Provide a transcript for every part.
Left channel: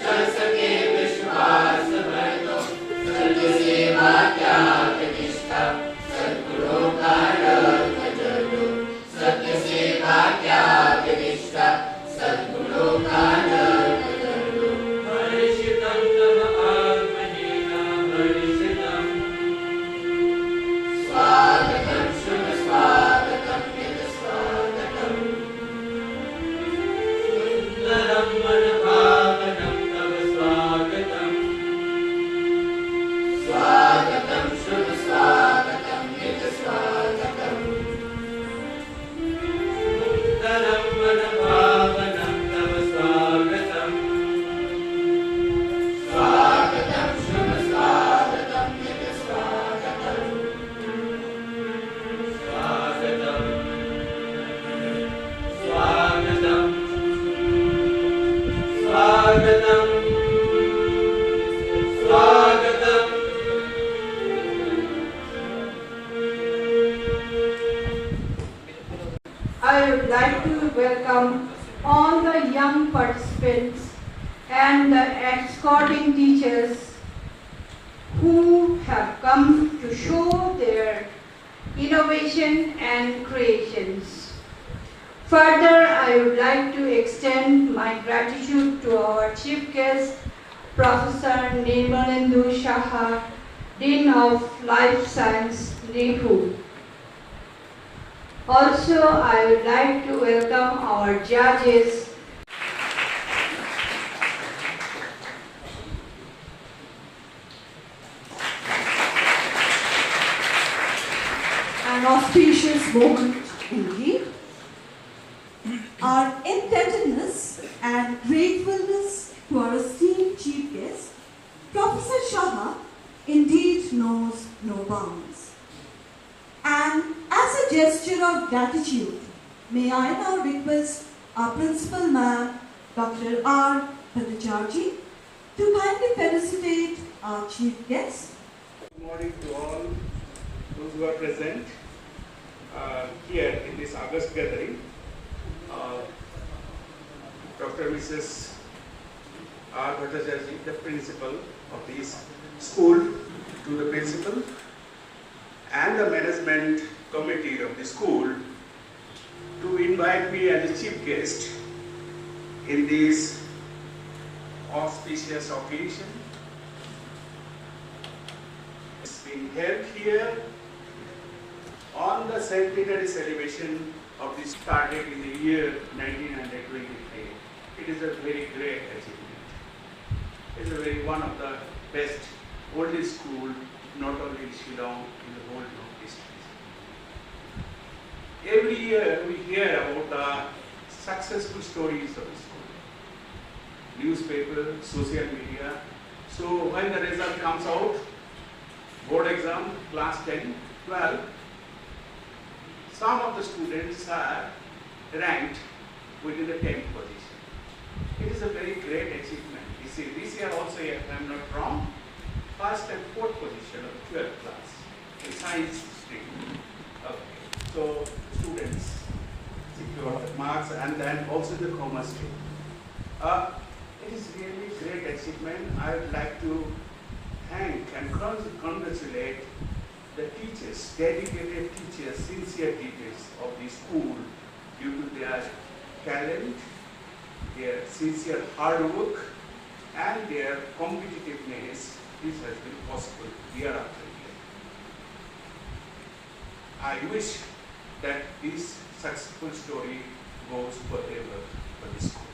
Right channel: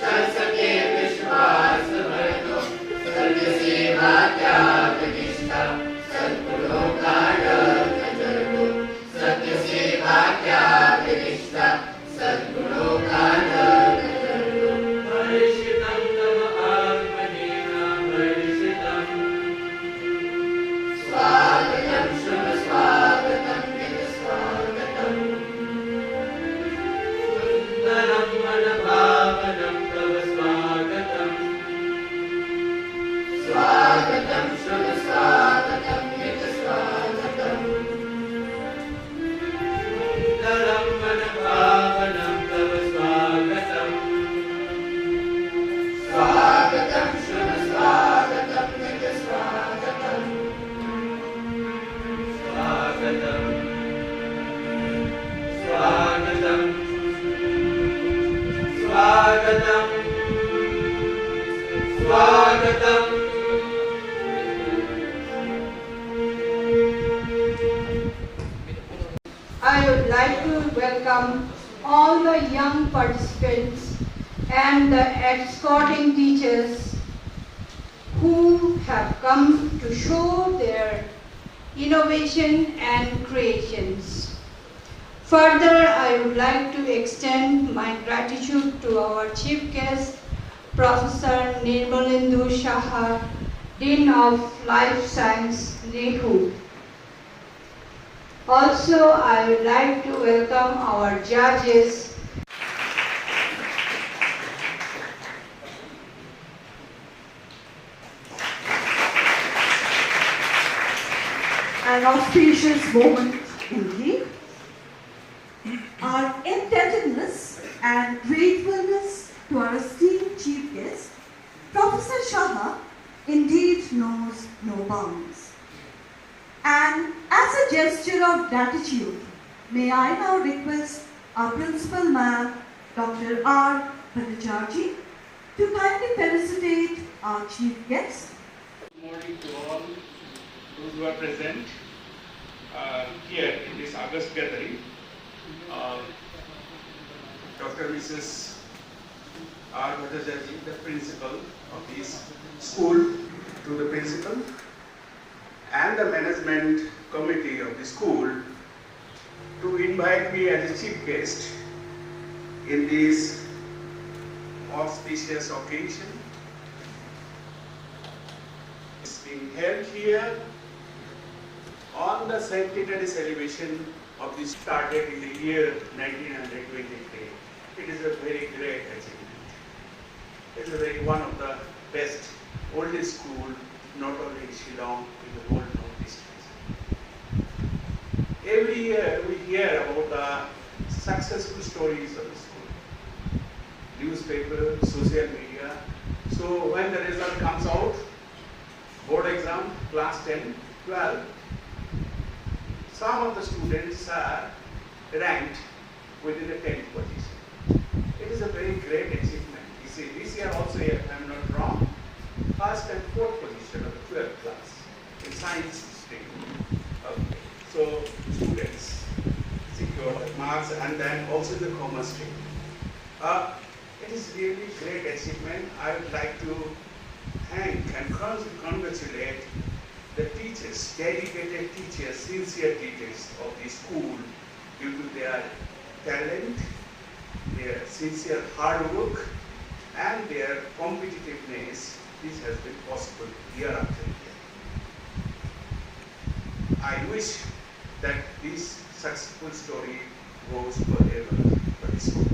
चल सके विश्वास भर तो सर्ग सेवा त्याग निष्ठा सद्गुणों का रंग जलो सत्य सेवा त्याग निष्ठा सद्गुणों का रंग जलो हर्षितं तव आत्मनेना हर्षितं स्वागतं शुभ स्वागतं निज स्वागतं सुंदरं मनभावनं तव स्वागतं स्वागतं शुभ स्वागतं निज स्वागतं सुंदरं मनभावनं तव स्वागतं स्वागतं शुभ स्वागतं निज स्वागतं स्वागतं स्वागतं स्वागतं स्वागतं I would like to welcome all the young participants and the escorting teachers who have come to show their innovation and creations. Further, I would like to extend my gratitude to our chief guest, Professor Nirmalendu Shah, Dean of Life Science, Nehru. Also, I would like to welcome our judges. An auspicious moment indeed. Our indebtedness and gratefulness to our esteemed chief guest, Professor Shah, indeed knows no bounds. And as a gesture of gratitude, may I now request our principal ma'am, Dr. R. Bhattacharjee, to kindly felicitate our chief guest. Good morning to all those who are present here in this August gathering. Dr. Mrs. R. Bhattacharjee, the principal of this school, to the principal and the management committee of the school to invite me as a chief guest in this auspicious occasion. It's being held here on the centenary celebration of this started in the year 1923. It is a very great achievement. It is a very one of the best, oldest school, not only in Shillong, in the whole of district. Every year we hear about the successful stories of the school. Newspaper, social media. So when the result comes out, board exam, class 10, 12, some of the students are ranked within the 10th position. It is a very great achievement. You see, this year also, if I am not wrong, first and fourth position of 12th class in science stream. Okay. So students secure marks and then also in the commerce stream. It is really great achievement. I would like to thank and congratulate the teachers, dedicated teachers, sincere teachers of the school due to their talent, their sincere hard work and their competitiveness. This has been possible year after year. I wish that this successful story goes forever for the school.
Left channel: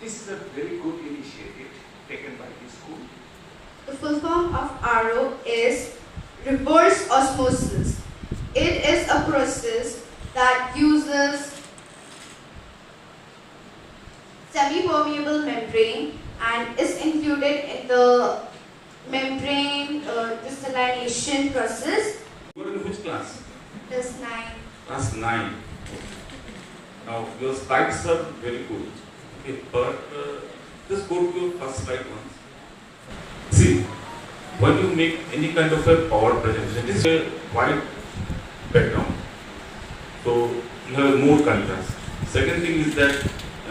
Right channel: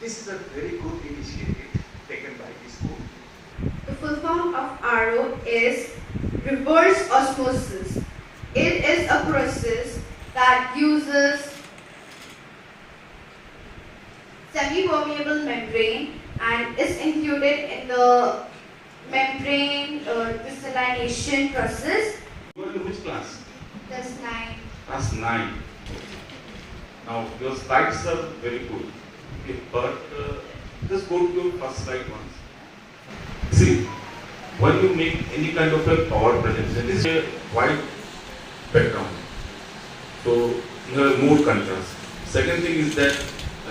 This is a very good initiative taken by the school. The full form of RO is reverse osmosis. It is a process that uses semi-permeable membrane and is included in the membrane desalination process. You are in which class? Class 9. Class 9. Now, your slides are very good. Okay, but just go to your first slide once. See, when you make any kind of a power presentation, this is a white background. So, you have more contrast. Second thing is that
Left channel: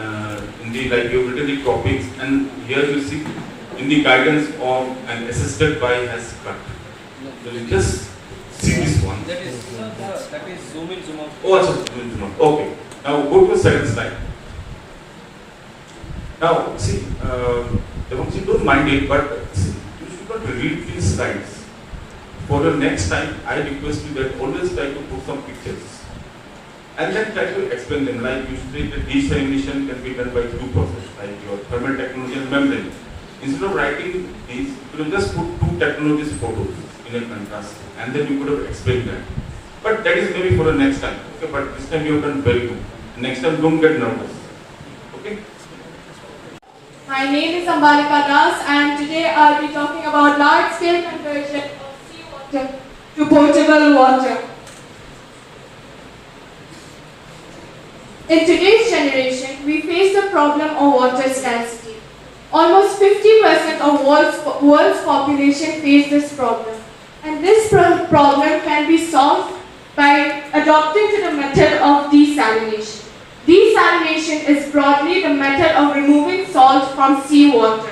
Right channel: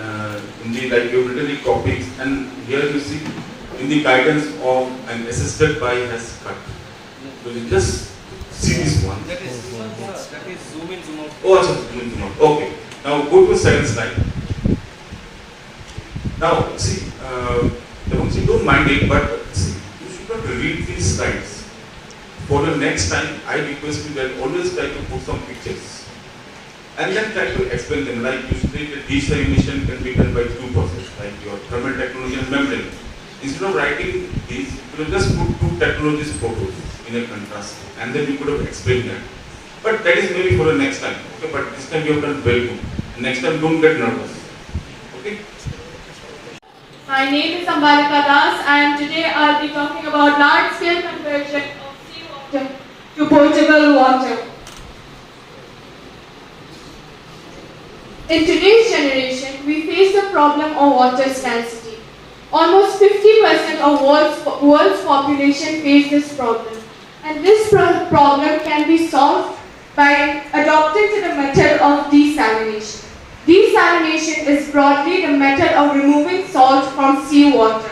in the like you've written the topics, and here you see in the guidance of an assisted by has cut. So you just see this one. That is zoom in, zoom out. Oh, also zoom in, zoom out. Okay. Now go to second slide. Now see, don't mind it, but see, you should not read these slides. For the next time, I request you that always try to put some pictures. And then try to explain them, like usually the desalination can be done by two processes, like your thermal technology and membrane. Instead of writing these, you will just put two technologies photos in a contrast, and then you could have explained that. But that is maybe for the next time. Okay, but this time you have done very good. Next time don't get nervous. Okay? My name is Ambalika Das, and today I'll be talking about large-scale conversion of seawater to potable water. In today's generation, we face the problem of water scarcity. Almost 50% of world's population face this problem. And this problem can be solved by adopting to the method of desalination. Desalination is broadly the method of removing salt from seawater.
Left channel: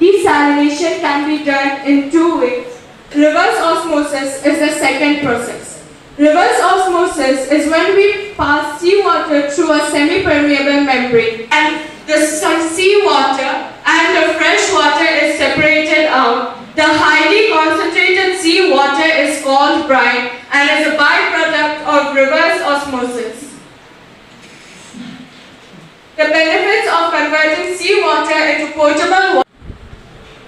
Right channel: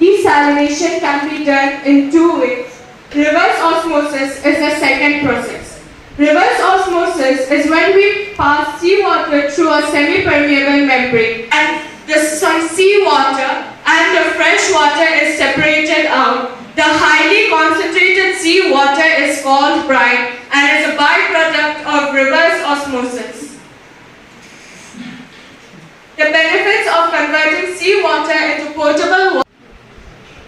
Desalination can be done in two ways. Reverse osmosis is the second process. Reverse osmosis is when we pass seawater through a semi-permeable membrane and the seawater and the fresh water is separated out. The highly concentrated seawater is called brine and is a byproduct of reverse osmosis. The benefits of converting seawater into potable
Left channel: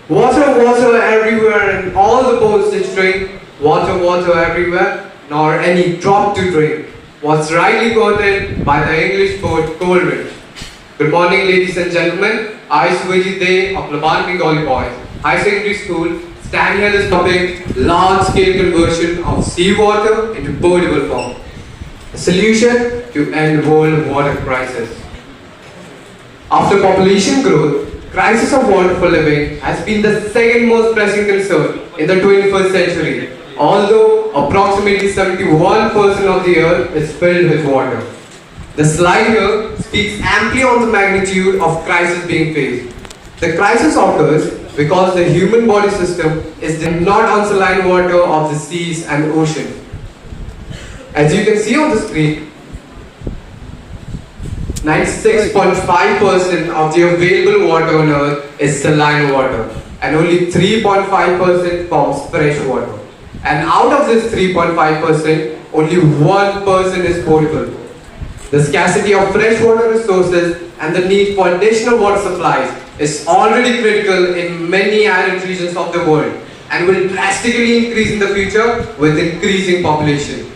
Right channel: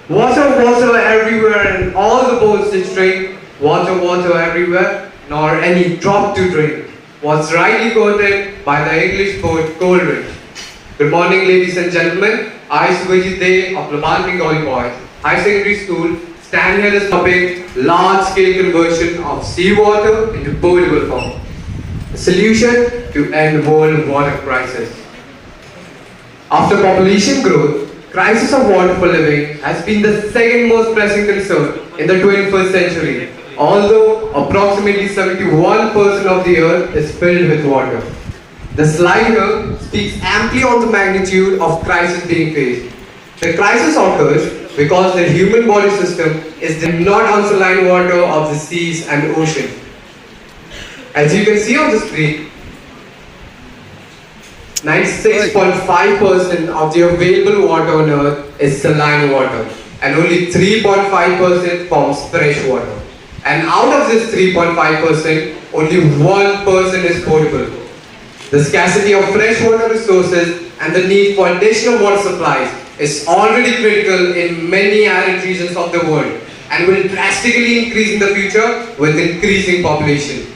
water. Water everywhere in all the bowls to drink. Water everywhere, nor any drop to drink. Was rightly quoted by the English poet Coleridge. Good morning, ladies and gentlemen. I, Swajit Day of Bengalee Boys High Secondary School, stand here this topic: large-scale conversion of seawater into potable form. A solution to end world water crisis. After population growth, crisis of water for living has been the second most pressing concern in the 21st century, although approximately 71% of the earth is filled with water. The slide here speaks amply on the magnitude of crisis being faced. The crisis occurs because the human body system is the non-alkaline water of the seas and ocean. As you can see on the screen, 96.5% of the available water on earth is saline water, and only 3.5% forms fresh water. And out of this 3.5%, only 1% is potable. The scarcity of freshwater resources and the need for additional water supplies is already critical in many arid regions of the world and will drastically increase in the future with increasing population.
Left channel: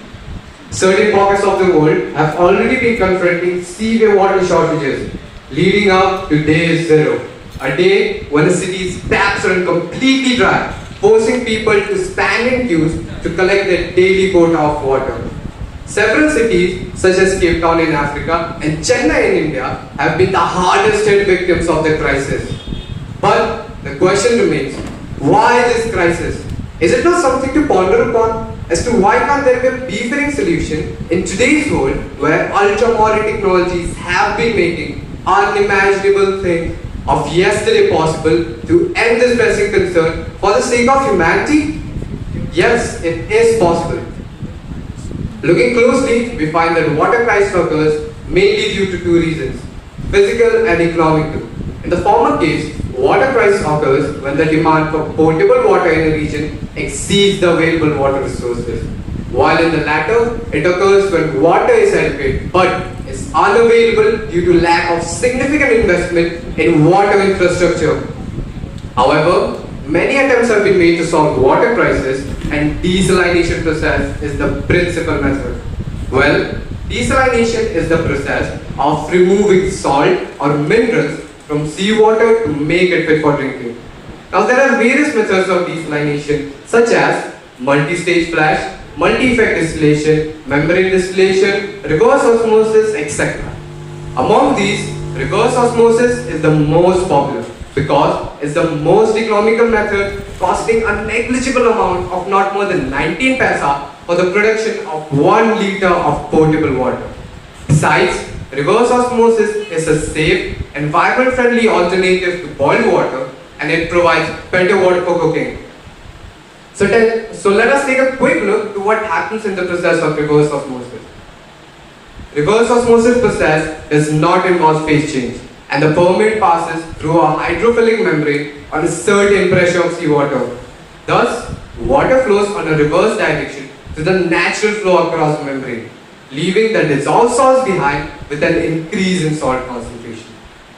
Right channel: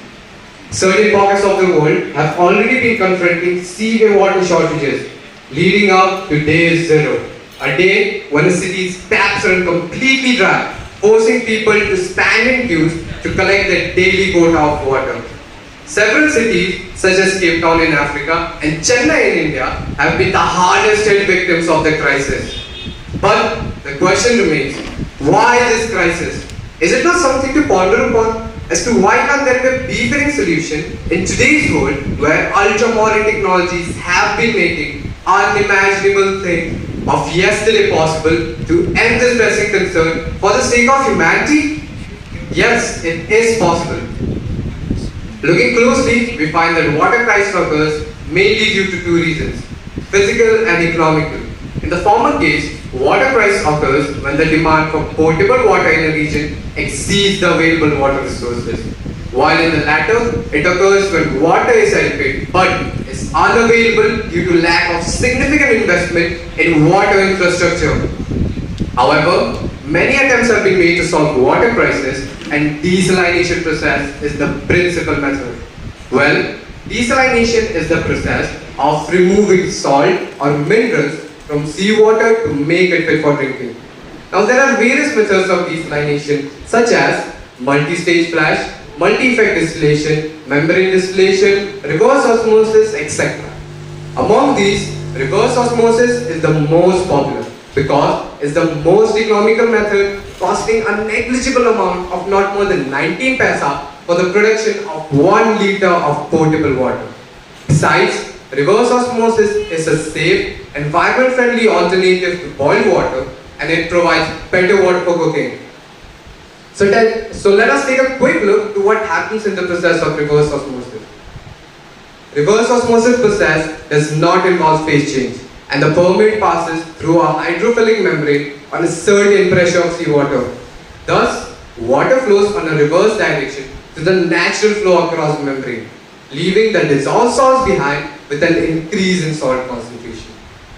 Certain pockets of the world have already been confronting severe water shortages, leading up to day zero, a day when the city's taps run completely dry, forcing people to stand in queues to collect their daily quota of water. Several cities, such as Cape Town in Africa and Chennai in India, have been the hardest hit victims of the crisis. But the question remains, why this crisis? Is it not something to ponder upon as to why can't there be a befitting solution in today's world where ultra-modern technologies have been making unimaginable things of yesterday possible to end this pressing concern for the sake of humanity? Yes, it is possible. Looking closely, we find that water crisis occurs mainly due to two reasons: physical and economic. In the former case, water crisis occurs when the demand for potable water in a region exceeds the available water resources, while in the latter, it occurs when water is adequate but is unavailable due to lack of significant investment in water infrastructure. However, many attempts have been made to solve the water crisis, and desalination process is the principal method. Well, desalination is the process of removing salt or minerals from seawater to make it fit for drinking. Now there are various methods of desalination such as multi-stage flash, multi-effect distillation, membrane distillation, reverse osmosis, etc. Among these, reverse osmosis is the most popular because it's the most economical method, costing a negligible amount of not more than 19 paisa for the production of 1 liter of potable water. Besides, Reverse osmosis is a safe, environment-friendly alternative to boiled water, and it provides better water for cooking. So let us take a quick look to what happens in the process of reverse osmosis. Reverse osmosis process does not involve phase change, and the permeate passes through a hydrophilic membrane on a certain pressure of seawater. Thus, water flows on a reverse direction to the natural flow across the membrane, leaving the dissolved salts behind with an increase in salt concentration.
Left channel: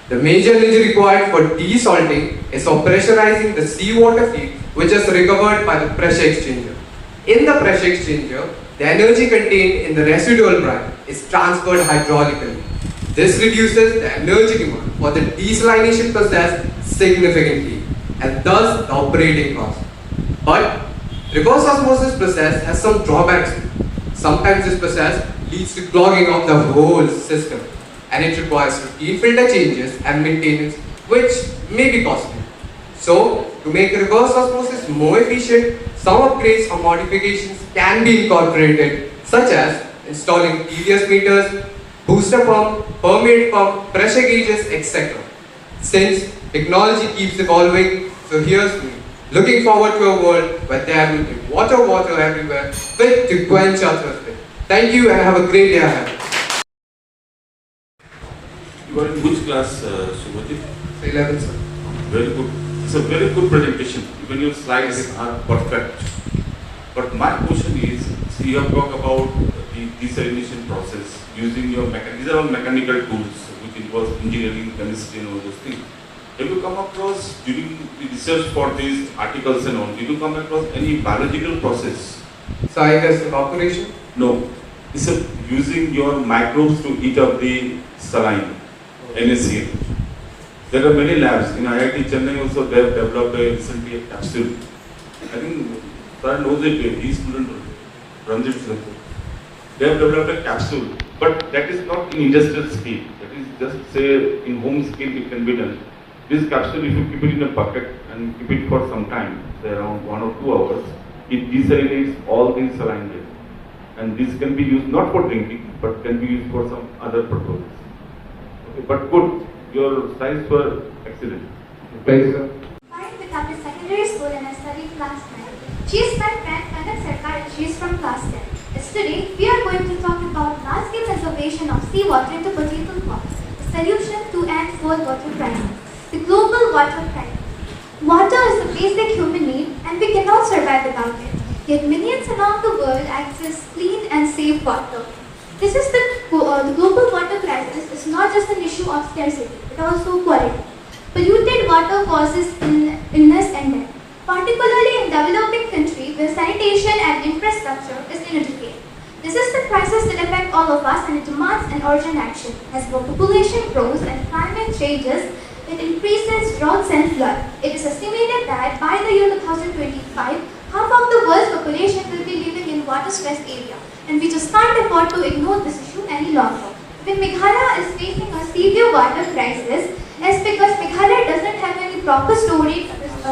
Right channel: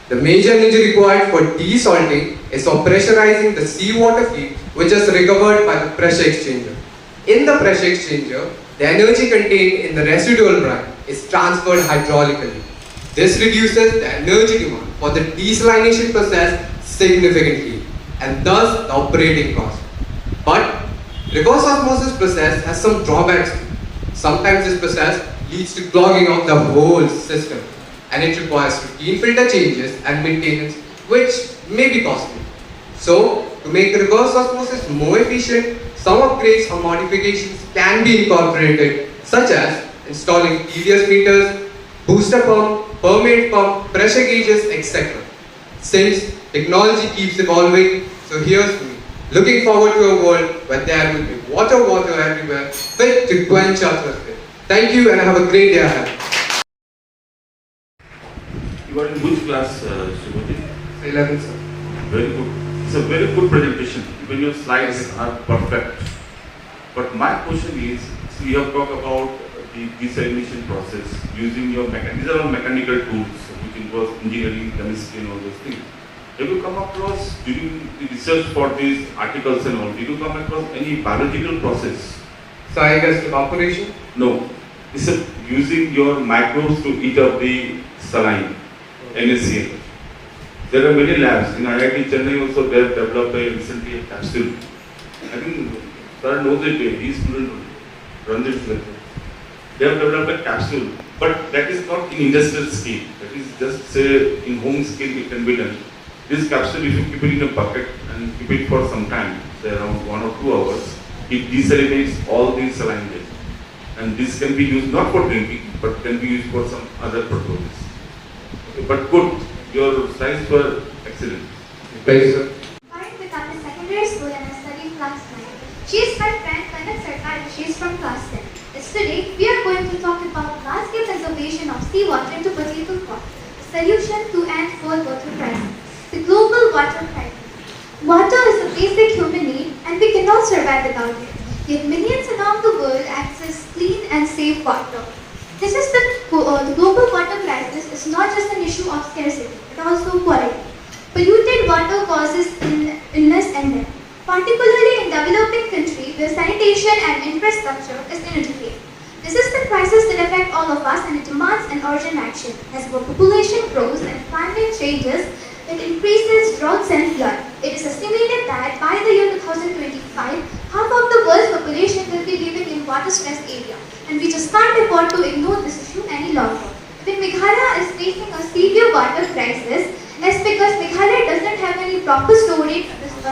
The major energy required for desalting is for pressurizing the seawater feed, which is recovered by the pressure exchanger. In the pressure exchanger, the energy contained in the residual brine is transferred hydraulically. This reduces the energy demand for the desalination process significantly, and thus the operating cost. But reverse osmosis process has some drawbacks too. Sometimes this process leads to clogging of the whole system, and it requires routine filter changes and maintenance, which may be costly. So, to make reverse osmosis more efficient, some upgrades or modifications can be incorporated, such as installing TDS meters, booster pump, permeate pump, pressure gauges, etc. Since technology keeps evolving, so here's me, looking forward to a world where there will be water everywhere, fit to quench our thirst. Thank you and have a great day ahead. You are in which class, Subhajit? 11, sir. Very good. It's a very good presentation. Even your slides are perfect. But my question is, see, you have talked about the desalination process using your these are all mechanical tools which involve engineering, chemistry and all those things. Have you come across, during the research for these articles and all, did you come across any biological process? So I guess evaporation? No. It's using your microbes to eat up the saline, NaCl. There are many labs. In IIT Chennai also they have developed recently a capsule. I think Sir knows it, these students run this research. They have developed a capsule, but that is not in industrial scale. That is just say in home scale it can be done. This capsule, if you keep it in a bucket and keep it for some time, say around 1 or 2 hours, it desalinates all these saline beds. And this can be used not for drinking, but can be used for some other purposes. Okay, but good, your slides were excellent. Thank you, sir. I am with Upper Secondary School and I study class 9. She is my friend Kanak Sarkar and she is from class 10. Yesterday, we are going to talk about large-scale conservation of seawater into potable form, a solution to end world water crisis. The global water crisis. Water is a basic human need and we cannot survive without it. Yet millions around the world access clean and safe water. This is the global water crisis is not just an issue of scarcity, but also quality. Polluted water causes illness and death, particularly in developing countries where sanitation and infrastructure is inadequate. This is the crisis that affects all of us and it demands an urgent action. As our population grows and climate changes, it increases droughts and flood. It is estimated that by the year 2025, half of the world's population will be living in water-stressed areas. And we just can't afford to ignore this issue any longer. When Meghalaya is facing a severe water crisis, it's because Meghalaya doesn't have any proper storage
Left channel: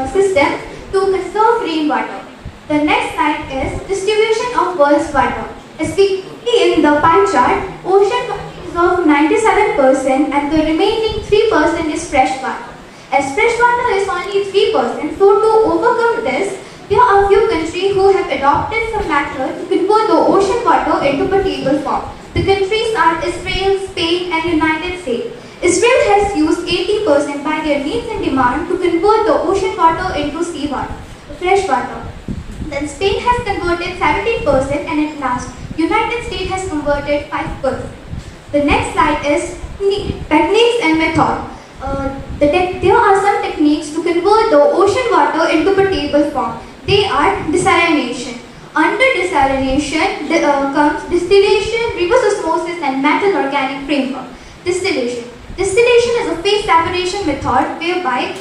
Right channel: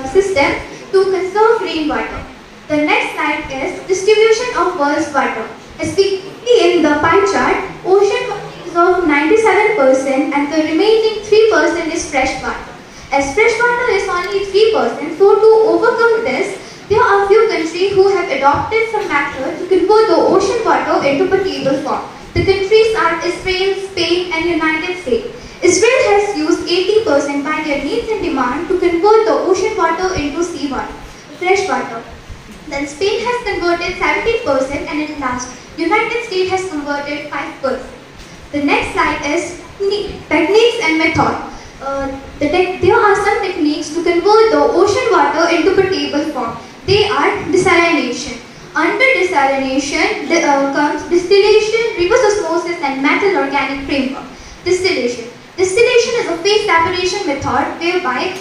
system to conserve rainwater. The next slide is distribution of world's water. As we see in the pie chart, ocean is of 97% and the remaining 3% is fresh water. As fresh water is only 3%, so to overcome this, there are a few countries who have adopted some method to convert the ocean water into potable form. The countries are Israel, Spain and United States. Israel has used 80% by their needs and demand to convert the ocean water into seawater, fresh water. Then Spain has converted 17% and at last United States has converted 5%. The next slide is techniques and method. There are some techniques to convert the ocean water into potable form. They are desalination. Under desalination comes distillation, reverse osmosis and metal organic framework. Distillation. Distillation is a phase separation method whereby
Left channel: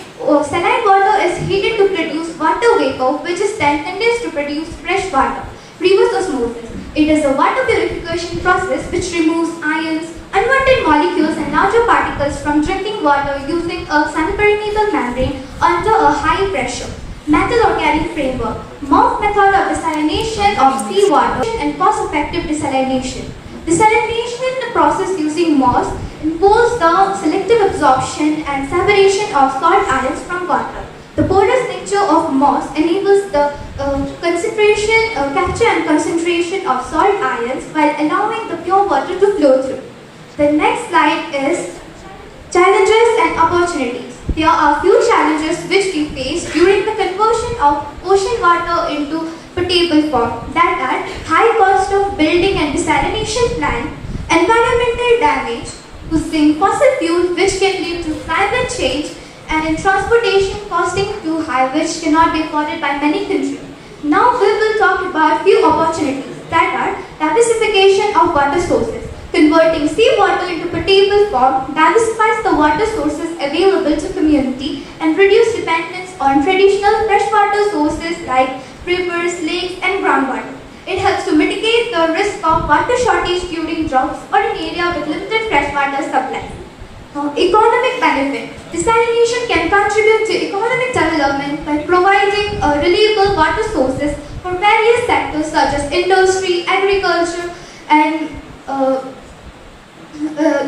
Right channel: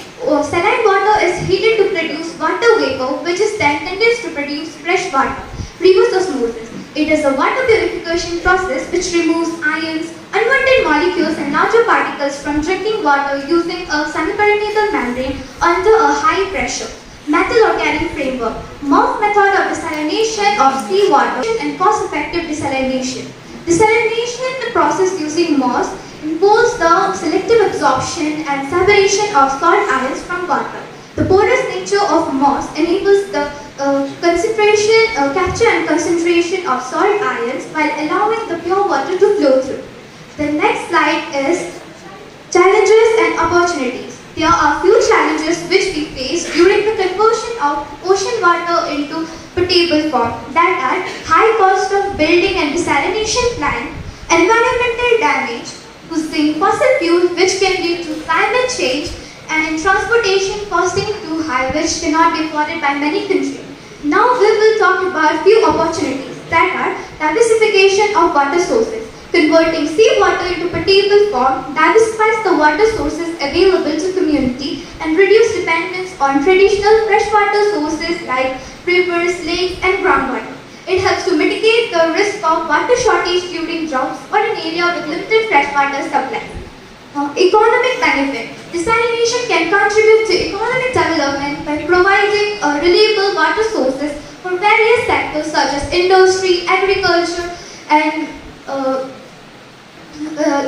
saline water is heated to produce water vapor which is then condensed to produce fresh water. Reverse osmosis. It is a water purification process which removes ions, unwanted molecules and larger particles from drinking water using a semipermeable membrane under a high pressure. Metal organic framework. MOF method of desalination of seawater and cost-effective desalination. Desalination chemical process using moss involves the selective absorption and separation of salt ions from water. The porous nature of moss enables the capture and concentration of salt ions while allowing the pure water to flow through. The next slide is challenges and opportunities. There are few challenges which we face during the conversion of ocean water into potable form, that are high cost of building and desalination plant, environmental damage, using fossil fuels which can lead to climate change, and in transportation costing too high which cannot be afforded by many countries. Now we will talk about few opportunities, that are diversification of water sources. Converting seawater into potable form diversifies the water sources available to community and reduce dependence on traditional freshwater sources like rivers, lakes and groundwater. It helps to mitigate the risk of water shortage during droughts or in area with limited freshwater supply. Economic benefit. Desalination can contribute to economic development by providing reliable water sources for various sectors such as industry, agriculture, and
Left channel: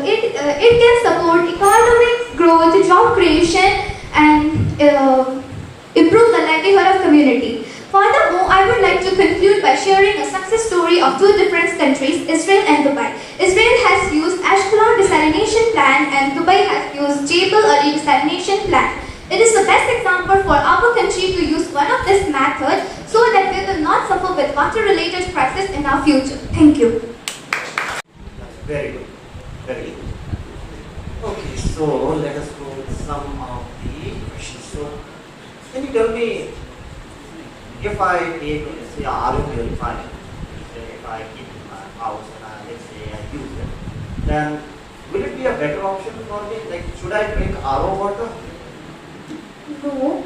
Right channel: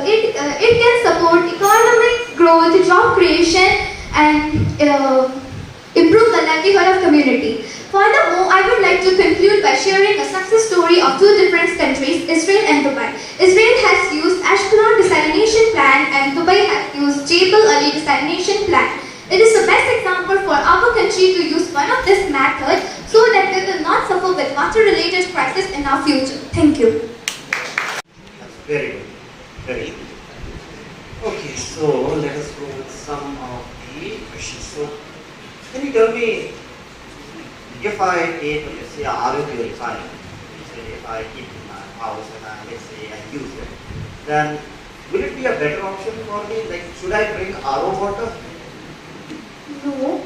it can support economic growth, job creation, and improve the livelihood of community. Furthermore, I would like to conclude by sharing a success story of two different countries, Israel and Dubai. Israel has used Ashkelon desalination plant and Dubai has used Jebel Ali desalination plant. It is the best example for our country to use one of this method so that we will not suffer with water-related crisis in our future. Thank you. Very good. Very good. Okay, so let us go with some of the questions. So, can you tell me, if I take, let's say, RO purifier, if I keep in my house and let's say I use it, then will it be a better option for me? Like, should I drink RO water? No.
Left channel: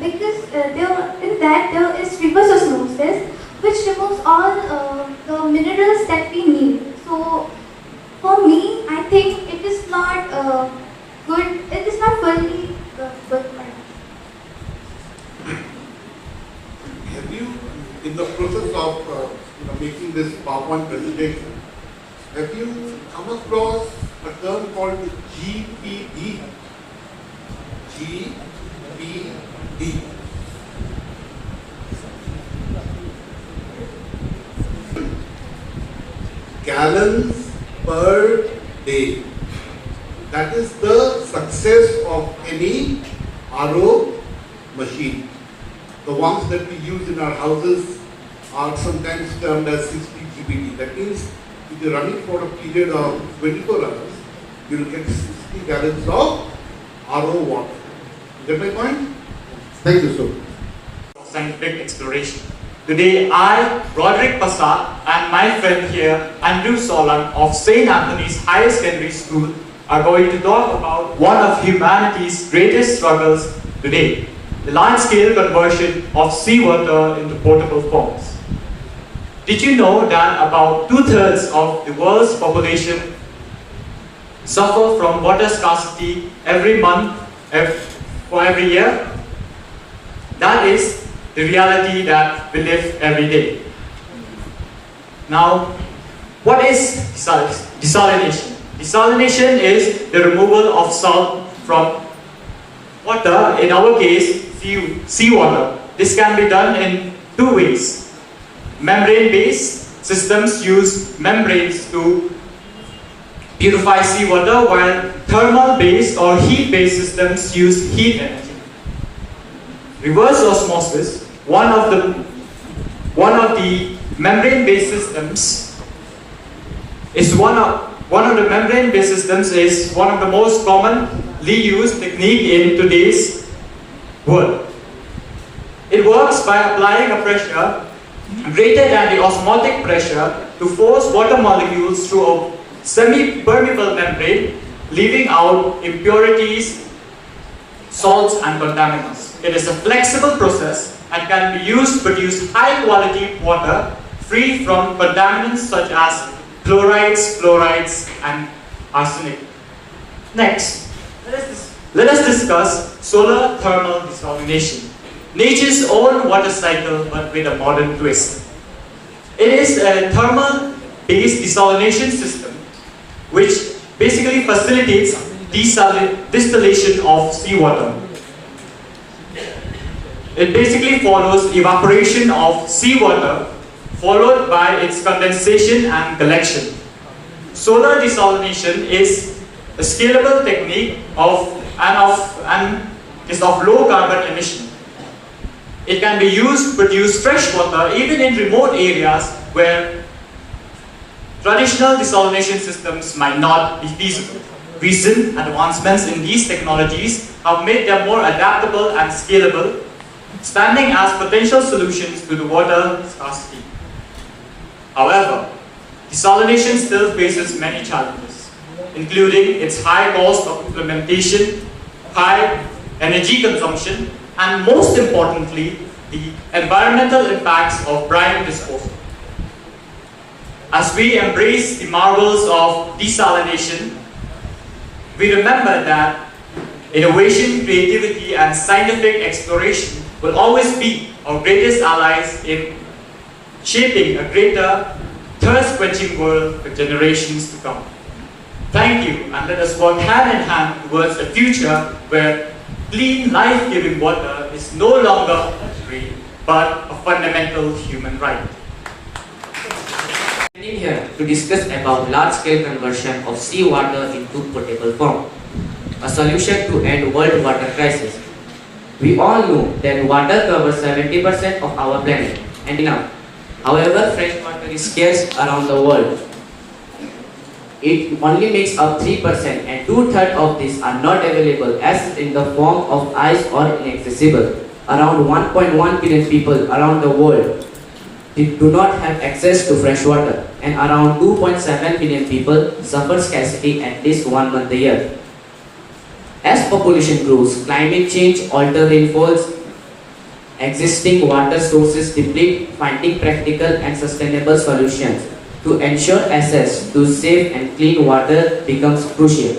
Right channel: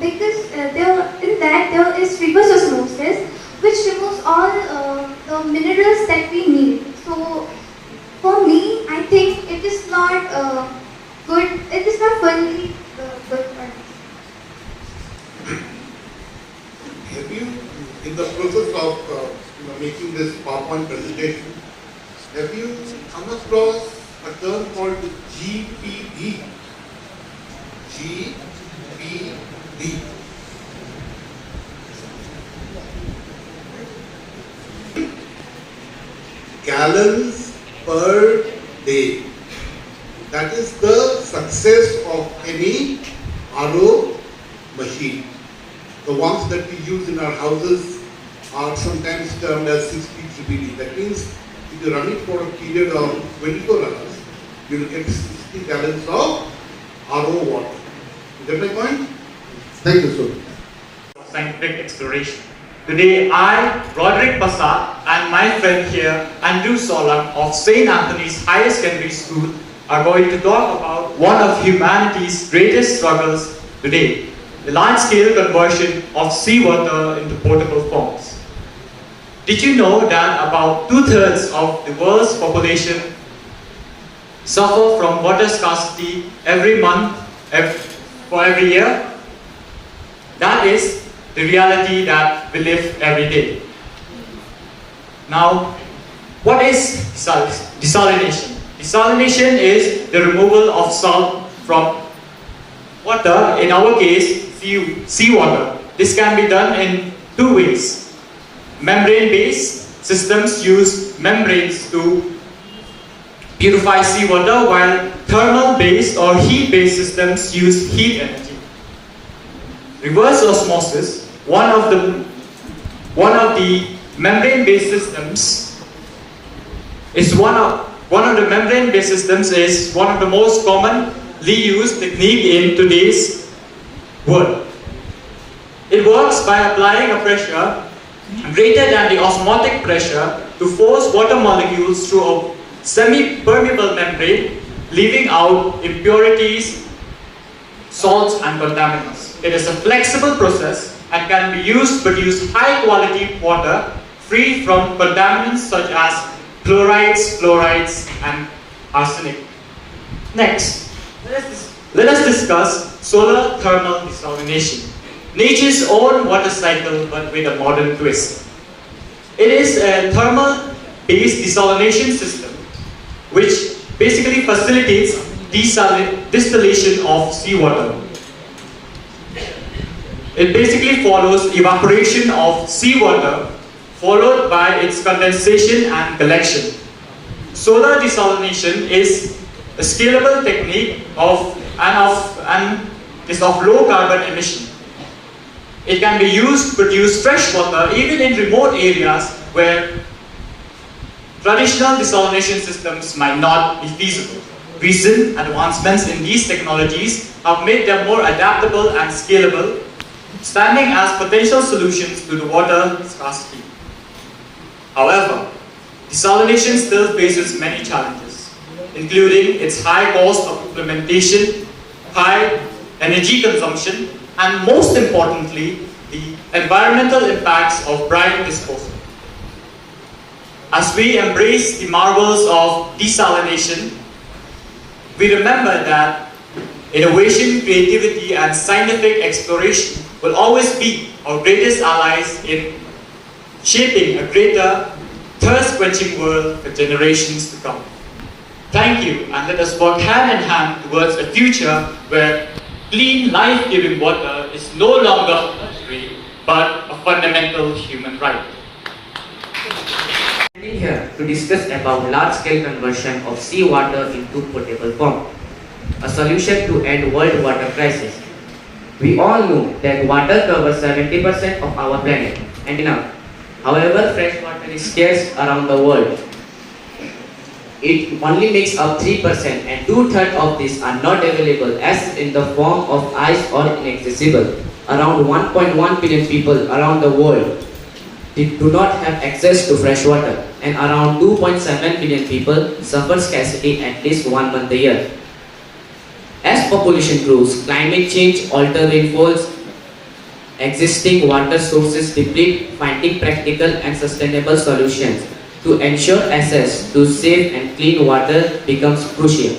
Because there is reverse osmosis, which removes all the minerals that we need. So, for me, I think it is not good. It is not fully good. Have you, in the process of making this PowerPoint presentation, have you come across a term called GPD? GPD. Gallons per day. That is the success of any RO machine. The ones that we use in our houses are sometimes termed as 60 GPD. That means if you run it for a period of 24 hours, you will get 60 gallons of RO water. You get my point? Thank you so much. Scientific exploration. Today, I, Roderick Passat, and my friend here, Andrew Solan of St. Anthony's Higher Secondary School, are going to talk about one of humanity's greatest struggles today, the large-scale conversion of seawater into potable forms. Did you know that about 2/3 of the world's population suffer from water scarcity every month, for every year? That is the reality that we live every day. Now, what is desalination? Desalination is the removal of salt from water, in our case, seawater. This can be done in two ways. Membrane-based systems use membranes to purify seawater, while thermal-based or heat-based systems use heat energy. Reverse osmosis, one of the membrane-based systems is one of the membrane-based systems is one of the most commonly used technique in today's world. It works by applying a pressure greater than the osmotic pressure to force water molecules through a semi-permeable membrane, leaving out impurities, salts and contaminants. It is a flexible process and can be used to produce high-quality water free from contaminants such as chlorides, fluorides, and arsenic. Next, let us discuss solar thermal desalination, nature's own water cycle but with a modern twist. It is a thermal based desalination system, which basically facilitates distillation of seawater. It basically follows evaporation of seawater, followed by its condensation and collection. Solar desalination is a scalable technique and is of low carbon emission. It can be used to produce fresh water even in remote areas where traditional desalination systems might not be feasible. Recent advancements in these technologies have made them more adaptable and scalable, standing as potential solutions to the water scarcity. However, desalination still faces many challenges, including its high cost of implementation, high energy consumption, and most importantly, the environmental impacts of brine disposal. As we embrace the marvels of desalination, we remember that innovation, creativity, and scientific exploration will always be our greatest allies in shaping a greater, thirst-quenching world for generations to come. Thank you, and let us work hand in hand towards a future where clean, life-giving water is no longer a luxury, but a fundamental human right. Standing here to discuss about large-scale conversion of seawater into potable form, a solution to end world water crisis. We all know that water covers 70% of our planet and enough. However, fresh water is scarce around the world. It only makes up 3% and 2/3 of these are not available as in the form of ice or inaccessible. Around 1.1 billion people around the world do not have access to fresh water, and around 2.7 billion people suffer scarcity at least 1 month a year. As population grows, climate change alters rainfalls, existing water sources deplete, finding practical and sustainable solutions to ensure access to safe and clean water becomes crucial.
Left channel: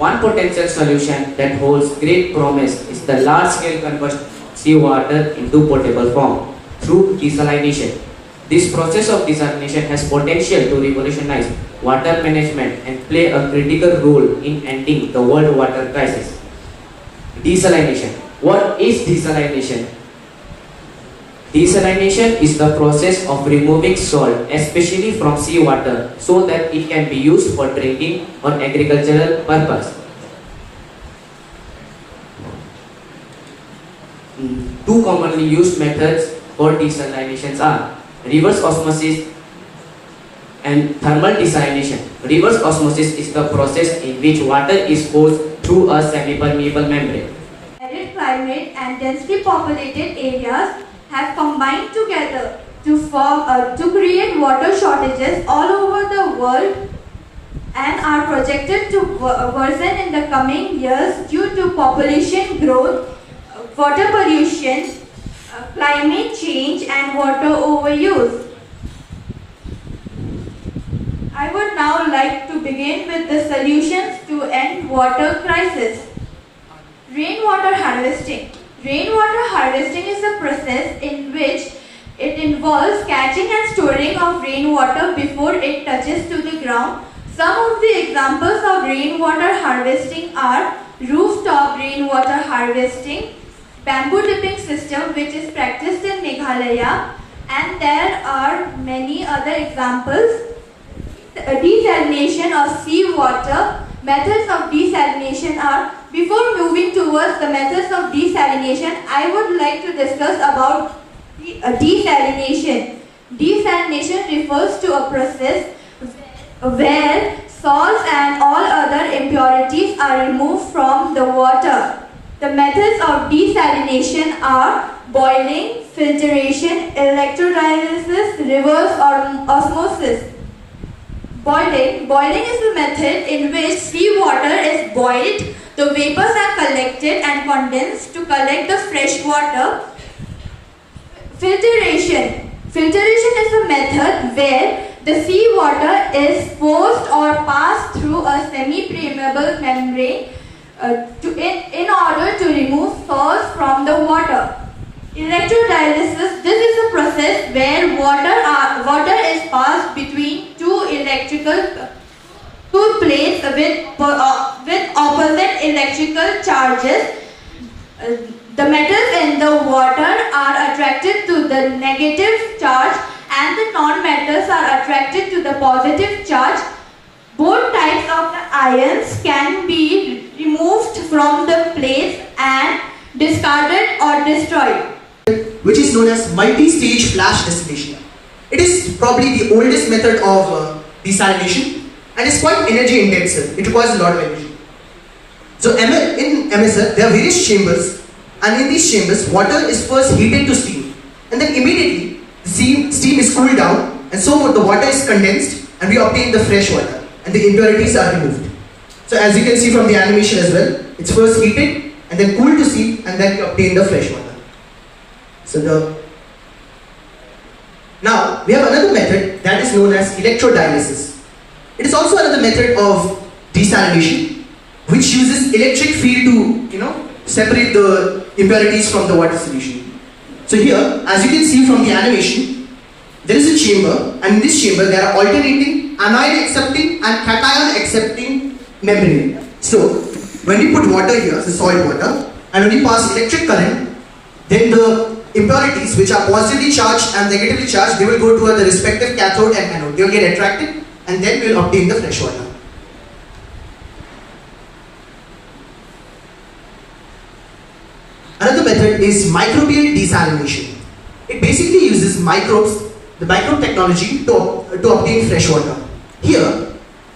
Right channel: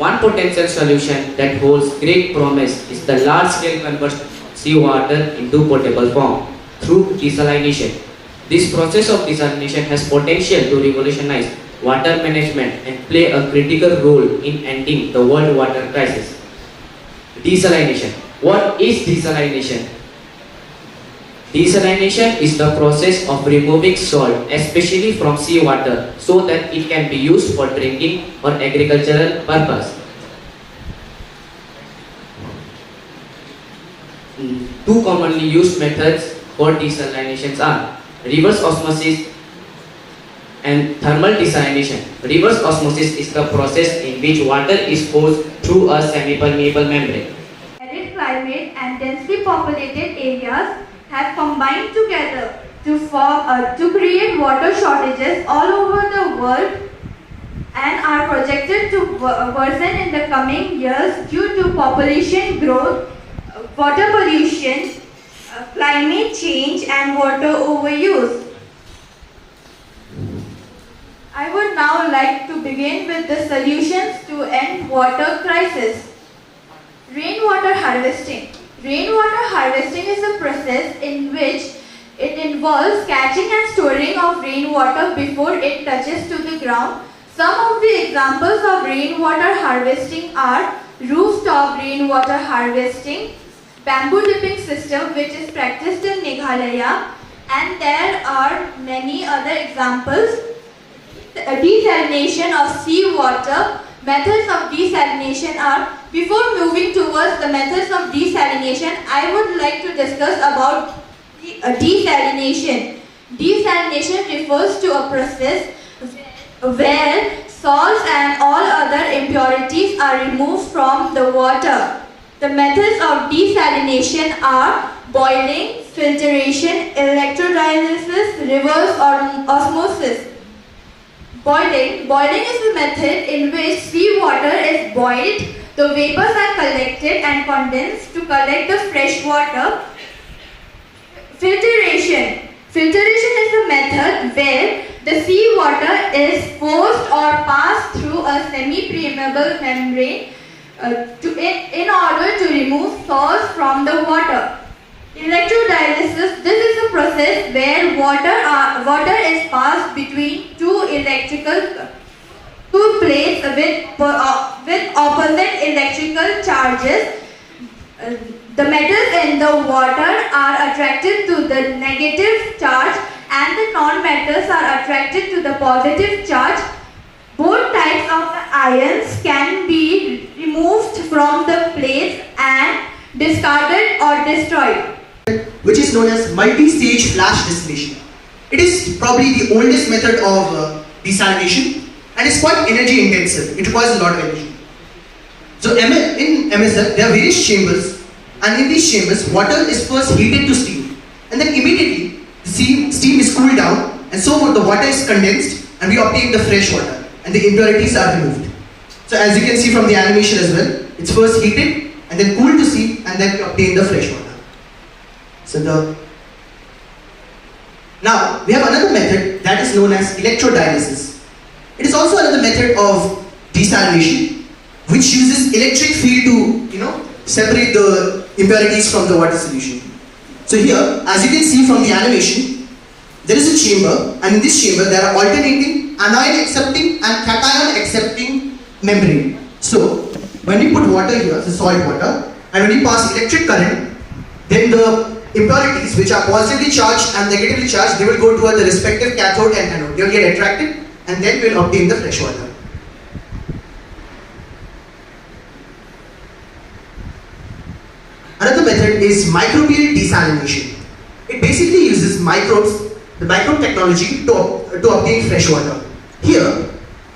One potential solution that holds great promise is the large-scale conversion of seawater into potable form through desalination. This process of desalination has potential to revolutionize water management and play a critical role in ending the world water crisis. Desalination. What is desalination? Desalination is the process of removing salt, especially from seawater, so that it can be used for drinking or agricultural purpose. Two commonly used methods for desalination are reverse osmosis and thermal desalination. Reverse osmosis is the process in which water is forced through a semi-permeable membrane. Arid climate and densely populated areas have combined together to create water shortages all over the world and are projected to worsen in the coming years due to population growth, water pollution, climate change, and water overuse. I would now like to begin with the solutions to end water crisis. Rainwater harvesting. Rainwater harvesting is a process in which it involves catching and storing of rainwater before it touches to the ground. Some of the examples of rainwater harvesting are rooftop rainwater harvesting, bamboo dipping system which is practiced in Meghalaya, and there are many other examples. Desalination of seawater. Methods of desalination are, before moving towards the methods of desalination, I would like to discuss about desalination. Desalination refers to a process where salts and all other impurities are removed from the water. The methods of desalination are boiling, filtration, electrolysis, reverse osmosis. Boiling is the method in which seawater is boiled, the vapors are collected and condensed to collect the fresh water. Filtration. Filtration is a method where the seawater is forced or passed through a semi-permeable membrane in order to remove salts from the water. Electrodialysis, this is a process where water is passed between two plates with opposite electrical charges. The metals in the water are attracted to the negative charge and the non-metals are attracted to the positive charge. Both types of ions can be removed from the plates and discarded or destroyed, which is known as multi-stage flash distillation. It is probably the oldest method of desalination and is quite energy intensive. It requires a lot of energy. So in MSL, there are various chambers, and in these chambers, water is first heated to steam, and then immediately the steam is cooled down, and so the water is condensed, and we obtain the fresh water, and the impurities are removed. So as you can see from the animation as well, it's first heated, and then cooled to steam, and then we obtain the fresh water. Now, we have another method that is known as electrodialysis. It is also another method of desalination, which uses electric field to, separate the impurities from the water solution. So here, as you can see from the animation, there is a chamber, and in this chamber there are alternating anion accepting and cation accepting membrane. So, when we put water here, the salt water, and when we pass electric current, then the impurities which are positively charged and negatively charged, they will go toward the respective cathode and anode. They will get attracted, and then we will obtain the fresh water. Another method is microbial desalination. It basically uses microbes, the microbe technology, to obtain fresh water. Here,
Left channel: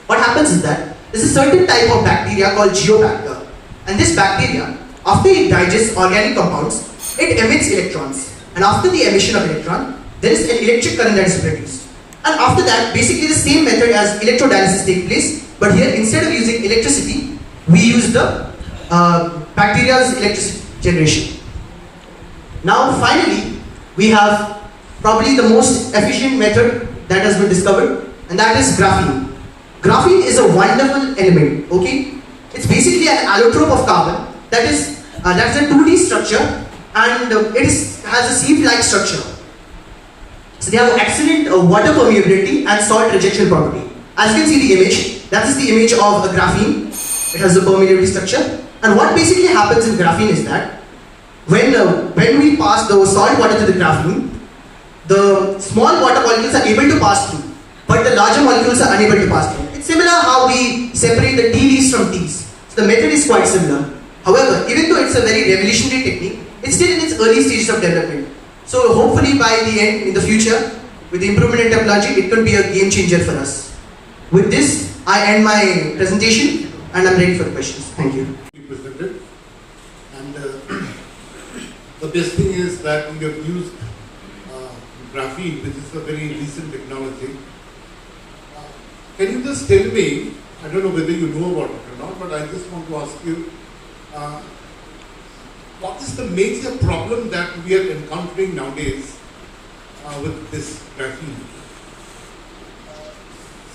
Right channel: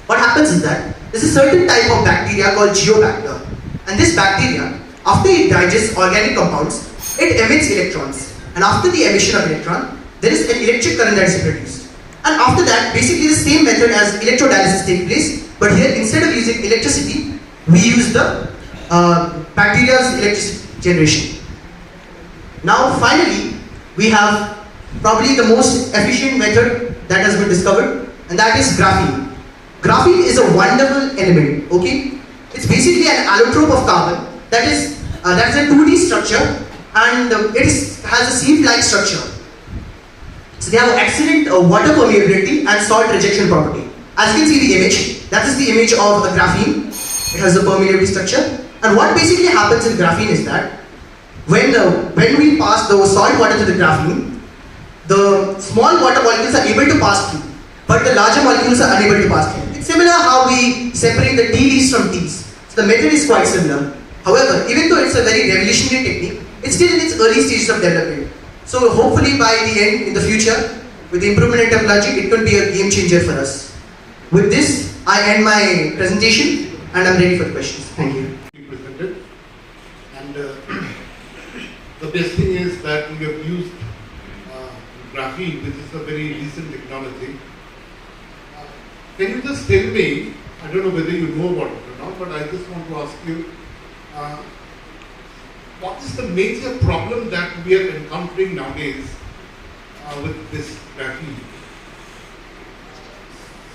what happens is that there is a certain type of bacteria called geobacter, and this bacteria, after it digests organic compounds, it emits electrons, and after the emission of electron, there is an electric current that is produced. And after that, basically the same method as electrodialysis takes place, but here instead of using electricity, we use the bacteria's electricity generation. Now finally, we have probably the most efficient method that has been discovered, and that is graphene. Graphene is a wonderful element, okay? It's basically an allotrope of carbon that is a 2D structure, and has a sieve-like structure. So they have excellent water permeability and salt rejection property. As you can see the image, that is the image of a graphene. It has a permeability structure. And what basically happens in graphene is that when we pass the salt water to the graphene, the small water molecules are able to pass through, but the larger molecules are unable to pass through. It's similar how we separate the tea leaves from teas. So the method is quite similar. However, even though it's a very revolutionary technique, it's still in its early stages of development. So hopefully by the end, in the future, with the improvement in technology, it could be a game changer for us. With this, I end my presentation and I'm ready for questions. Thank you. And the best thing is that we have used graphene, which is a very recent technology. Can you just tell me, I don't know whether you know about it or not, but I just want to ask you, what is the major problem that we are encountering nowadays with this graphene?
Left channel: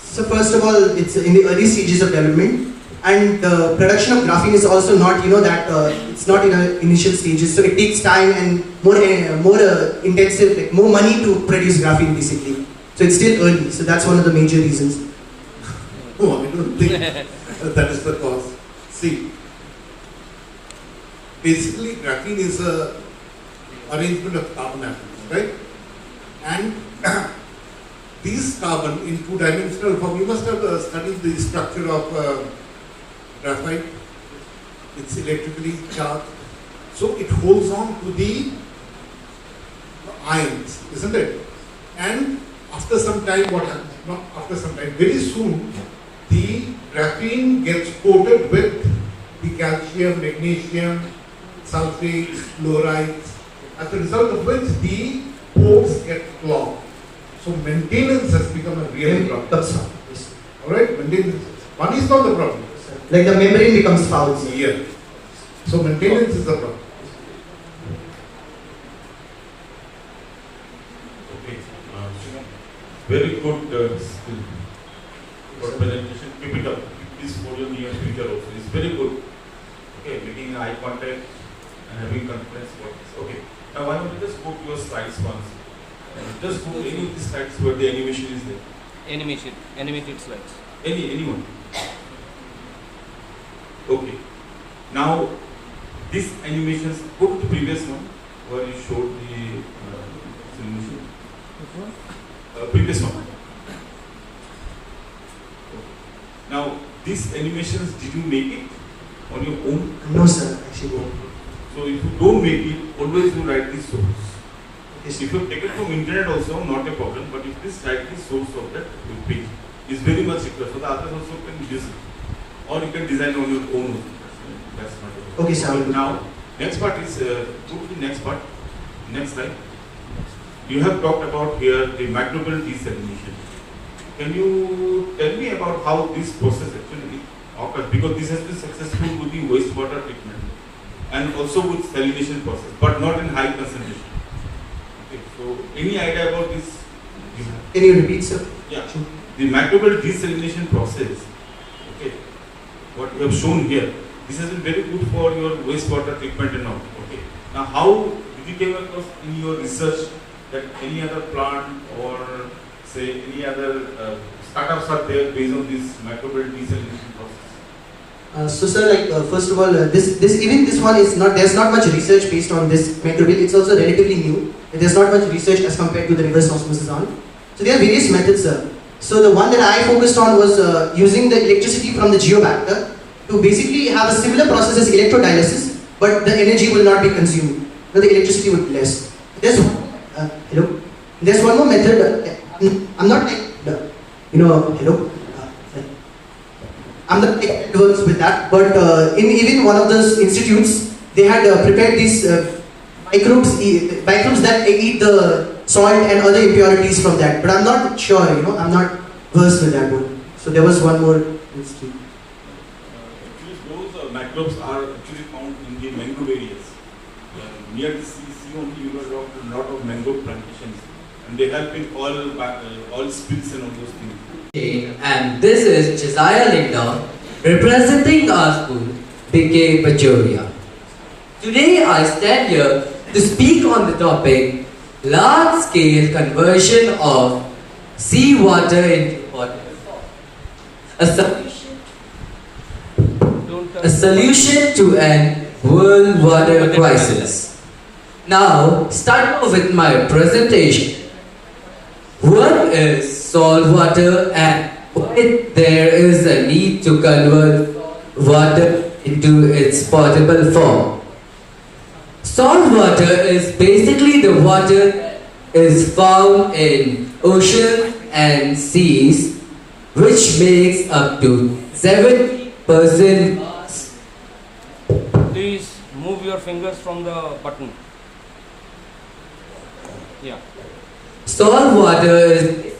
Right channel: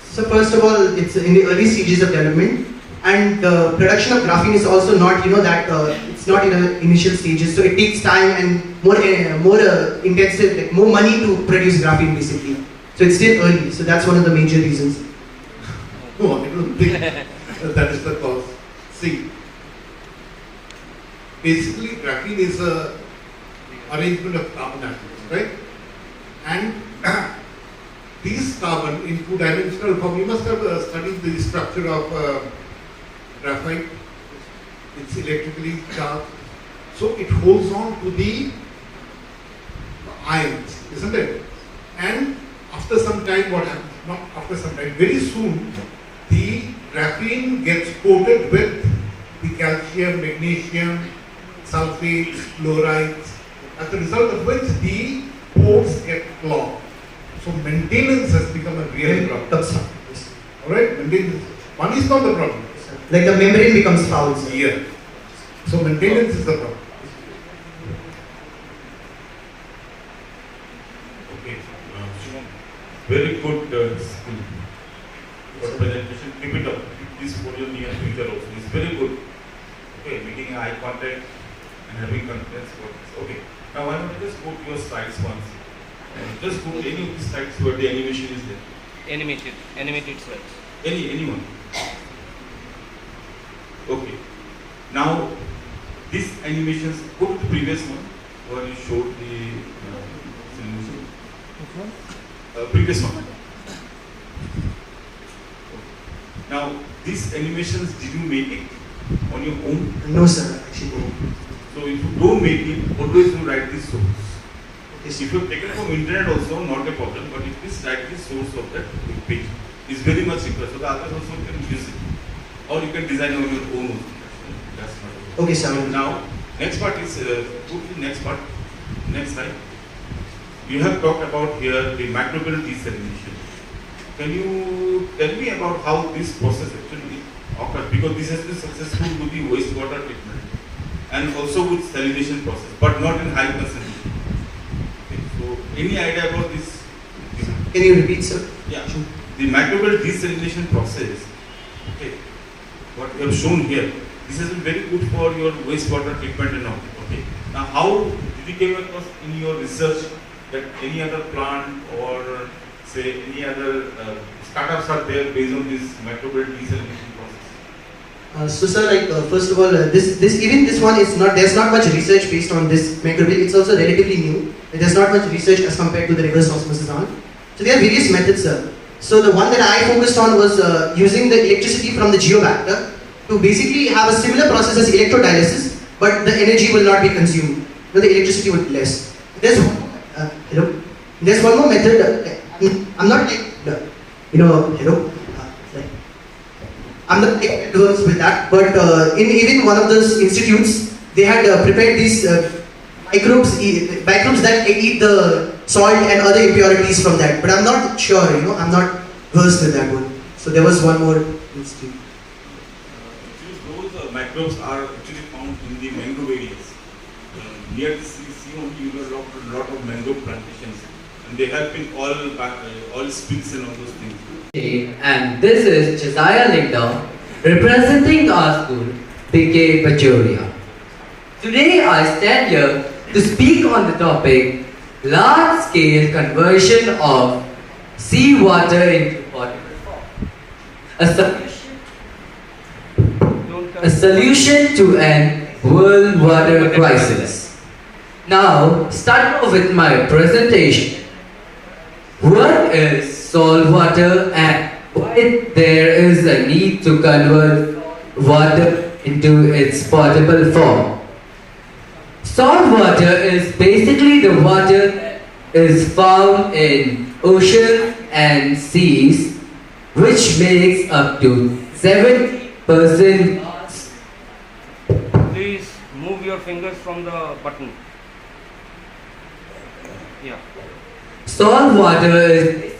So first of all, it's in the early stages of development, and the production of graphene is also not, it's not in the initial stages. So it takes time and more intensive, like more money to produce graphene basically. So it's still early. So that's one of the major reasons. No, I don't think that is the cause. See, basically graphene is a arrangement of carbon atoms, right? And these carbon in two-dimensional form, you must have studied the structure of graphite. It's electrically charged, so it holds on to the ions, isn't it? And after some time, what happens? Not after some time, very soon, the graphene gets coated with the calcium, magnesium, sulfates, fluorides, as a result of which the pores get clogged. So maintenance has become a real problem. Alright, maintenance. One is not the problem. Like the membrane becomes foul. Yeah. So maintenance is the problem. Okay. Very good skill. For presentation, keep it up. Keep this podium near future also. It's very good. Okay, making eye contact, and having confidence about this. Okay. Now why don't you just go to your slides once and just do any of these slides where the animation is there. Animated slides. Anyone. Okay. Now these animations, go to the previous one where you showed the animation. Previous one. Now these animations, did you make it on your own? No sir, actually no. So if you don't make it, always you write the source. If you take it from internet also, not a problem, but if this write the source of that page is very much required, so the others also can use it. Or you can design on your own. That's not okay, sir. Now, next part is, go to the next part, next slide. You have talked about here the microbial desalination. Can you tell me about how this process actually occurs? Because this has been successful with the wastewater treatment and also with salination process, but not in high concentration. Okay, so any idea about this? Can you repeat, sir? Yeah, the microbial desalination process. Okay, what you have shown here, this has been very good for your wastewater treatment and all. Okay, now how did you come across in your research that any other plant or say any other startups are there based on this microbial desalination process? So sir, like first of all, this one is not, there's not much research based on this microbial. It's also relatively new. There's not much research as compared to the reverse osmosis on. So there are various methods, sir. So the one that I focused on was using the electricity from the geobacter to basically have a similar process as electrodialysis, but the energy will not be consumed. No, the electricity will be less. There's hello. There's one more method. I'm not like hello. I'm not advanced with that, but in even one of those institutes, they had prepared these microbes that eat the salt and other impurities from that. But I'm not sure, I'm not versed with that one. So there was one more institute. Those microbes are actually found in the mangrove areas. Near the sea only you know a lot of mangrove plantations, and they help in all spills and all those things. And this is Josiah Linda representing our school, BK Pachoria. Today I stand here to speak on the topic large-scale conversion of seawater into potable form. A solution to an world water crisis. Now, start off with my presentation. What is salt water and why there is a need to convert water into its potable form? Salt water is basically the water that is found in oceans and seas, which makes up to 70% mass. Please move your fingers from the button. Yeah. Salt water is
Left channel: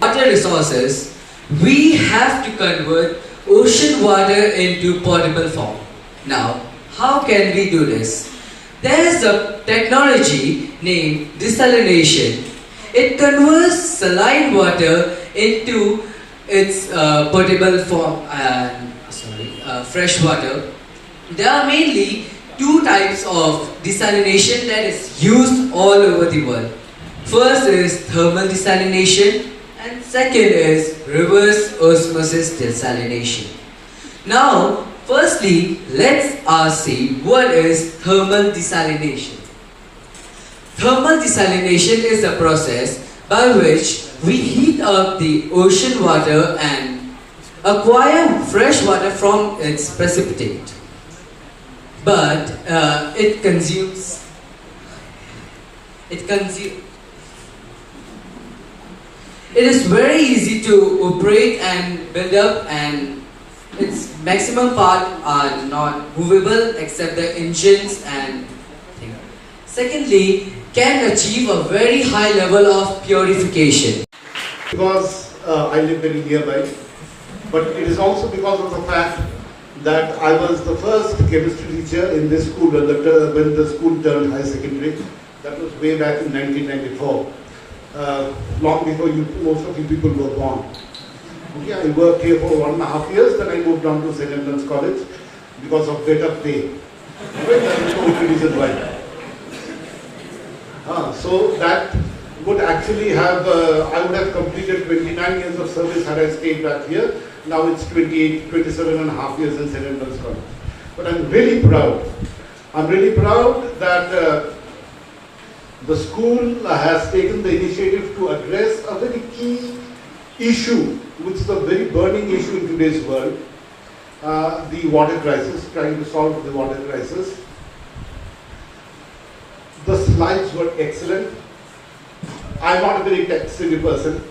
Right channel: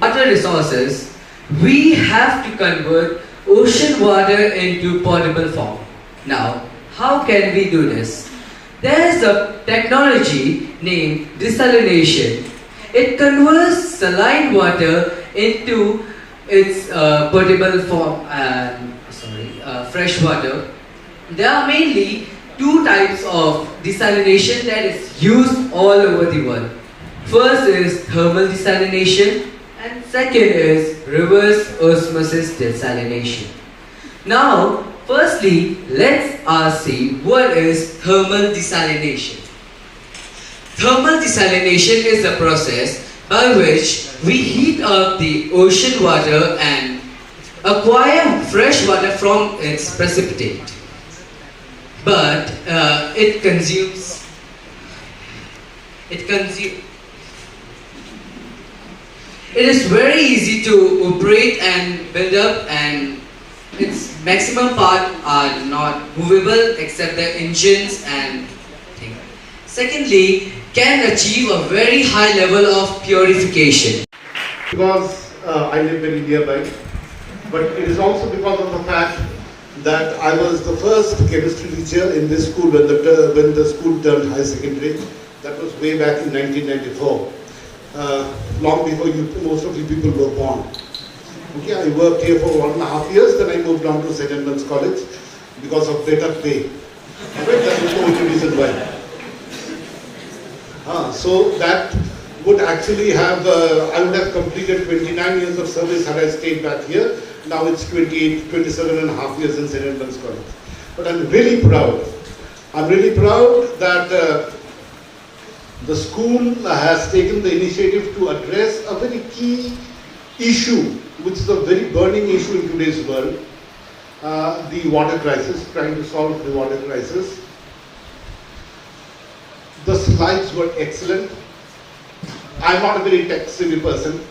water resources. We have to convert ocean water into potable form. Now, how can we do this? There is a technology named desalination. It converts saline water into its potable form and fresh water. There are mainly two types of desalination that is used all over the world. First is thermal desalination and second is reverse osmosis desalination. Now, firstly, let's see what is thermal desalination. Thermal desalination is a process by which we heat up the ocean water and acquire fresh water from its precipitate. But it is very easy to operate and build up, and its maximum part are not movable except the engines and things. Secondly, can achieve a very high level of purification. Because I live very nearby, but it is also because of the fact that I was the first chemistry teacher in this school when the school turned high secondary. That was way back in 1994, long before most of you people were born. Okay, I worked here for 1.5 years, then I moved on to St. Edmund's College because of better pay. Alright, that is the only reason why. So that would actually have, I would have completed 29 years of service had I stayed back here. Now it's 27.5 years in St. Edmund's College. But I'm really proud. I'm really proud that the school has taken the initiative to address a very key issue, which is a very burning issue in today's world, the water crisis, trying to solve the water crisis. The slides were excellent. I'm not a very tech-savvy person.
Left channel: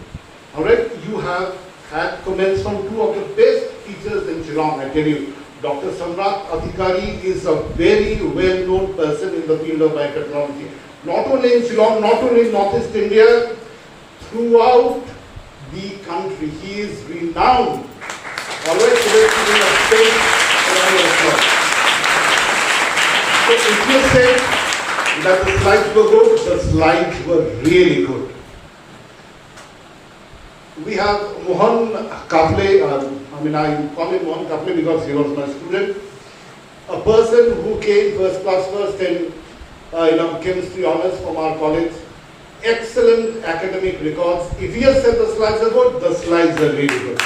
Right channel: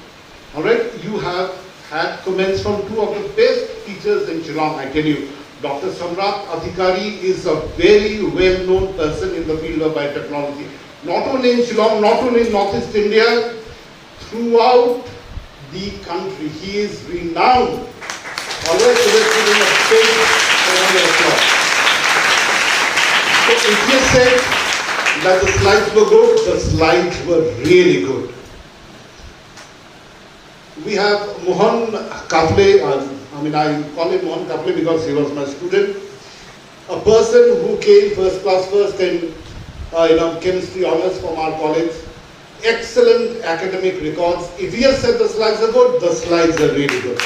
Alright, you have had comments from two of the best teachers in Shillong, I tell you. Dr. Samrat Adhikari is a very well-known person in the field of biotechnology. Not only in Shillong, not only in Northeast India, throughout the country. He is renowned. Always to the state So if you say that the slides were good, the slides were really good. We have Mohan Kafle, I call him Mohan Kafle because he was my student. A person who came first in chemistry honors from our college. Excellent academic records. If he has said the slides are good, the slides are really good.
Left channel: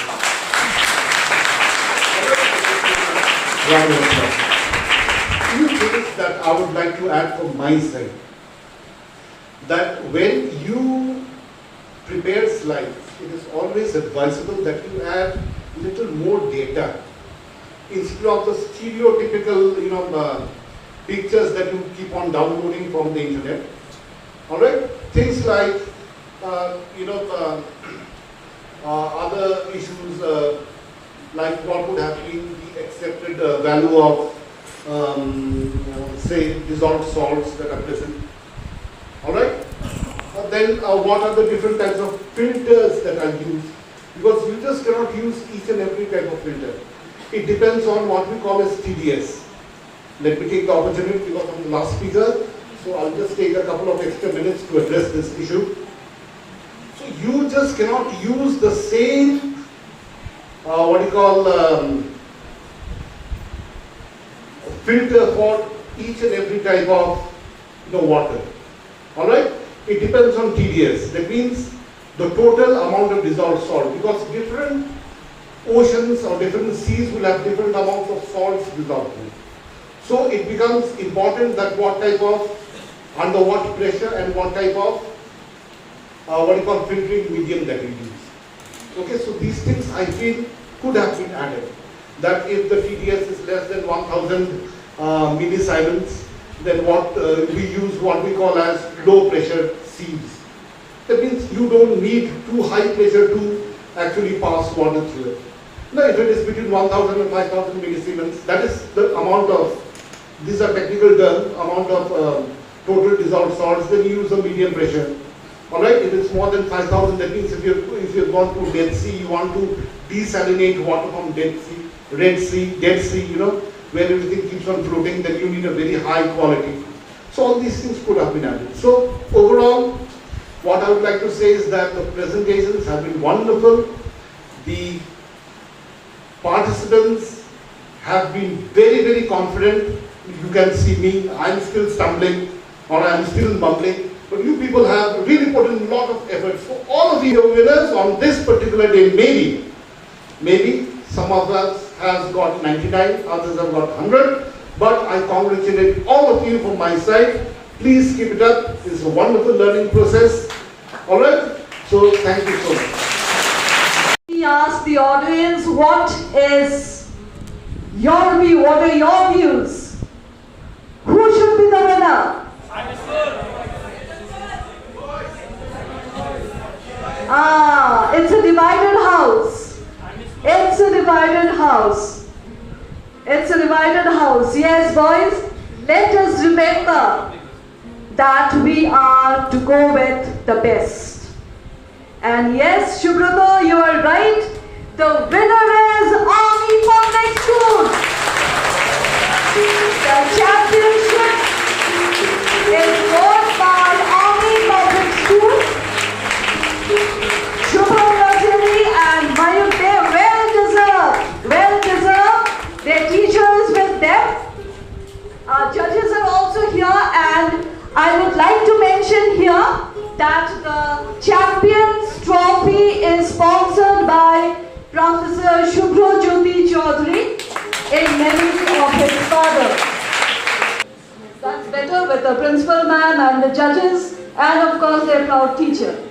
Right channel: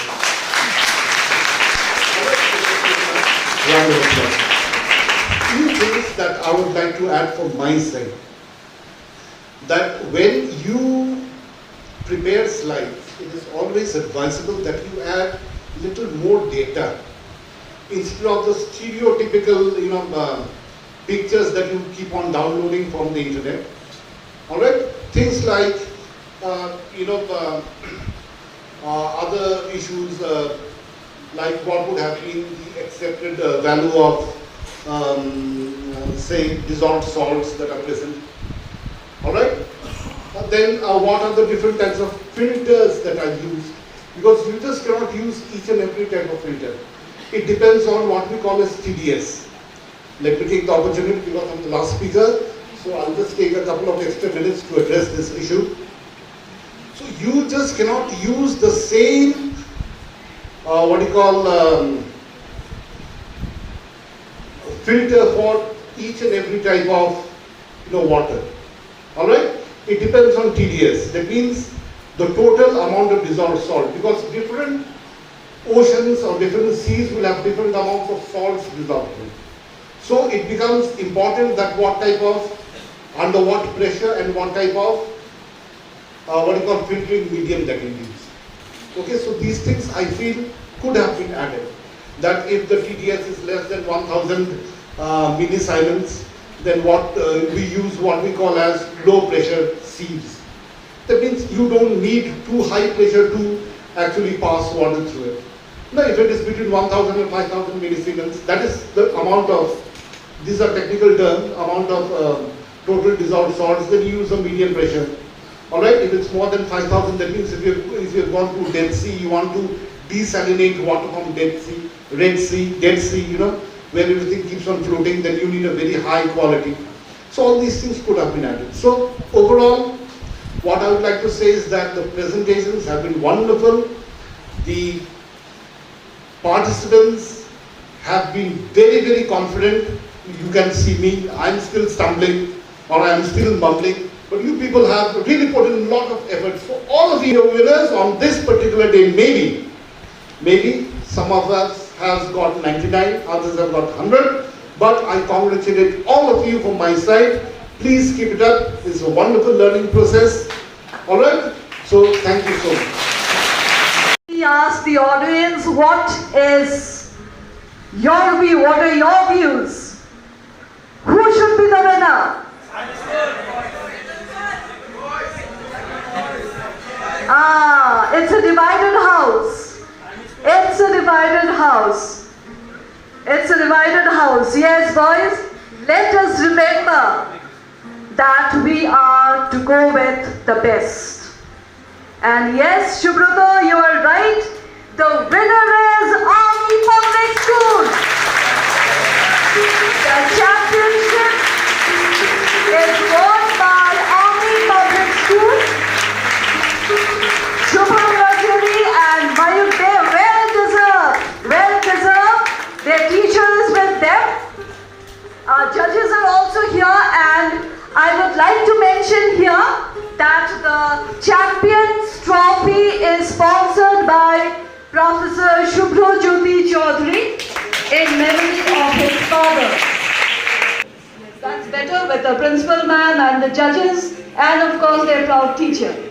Few things that I would like to add from my side. That when you prepare slides, it is always advisable that you add little more data instead of the stereotypical, pictures that you keep on downloading from the internet. All right, things like other issues like what would have been the accepted value of say dissolved salts that are present. All right. Then what are the different types of filters that are used? Because you just cannot use each and every type of filter. It depends on what we call as TDS. Let me take the opportunity because I'm the last speaker. So I'll just take a couple of extra minutes to address this issue. So you just cannot use the same, filter for each and every type of water. All right? It depends on TDS. That means the total amount of dissolved salt, because different oceans or different seas will have different amounts of salts dissolved. So it becomes important that what type of under what pressure and what type of filtering medium that we use. Okay, so these things I feel could have been added. That if the TDS is less than 1000 millisiemens, then we use what we call as low pressure sieves. That means you don't need too high pressure to actually pass water through it. Now if it is between 1000 and 5000 millisiemens, that is the amount of, these are technical terms, amount of total dissolved salts, then you use a medium pressure. Alright, if it's more than 5000, that means if you've gone to Dead Sea, you want to desalinate water from Dead Sea, Red Sea, Dead Sea, where everything keeps on floating, then you need a very high quality. So all these things could have been added. So overall, what I would like to say is that the presentations have been wonderful. The participants have been very, very confident. You can see me, I'm still stumbling or I'm still mumbling. But you people have really put in a lot of effort. So all of you are winners on this particular day. Maybe some of us has got 99, others have got 100. But I congratulate all of you from my side. Please keep it up. It's a wonderful learning process. Alright? So thank you so much. We ask the audience, what is your view? What are your views? Who should be the winner? It's a divided house. It's a divided house. It's a divided house. Yes, boys, let us remember that we are to go with the best. And yes, Shubhrata, you are right. The winner is Army Public School. The championship is won by Army Public School. Shubham Rajani and Mayuk Dev in memory of his father. That's better with the principal ma'am and the judges and of course their proud teacher.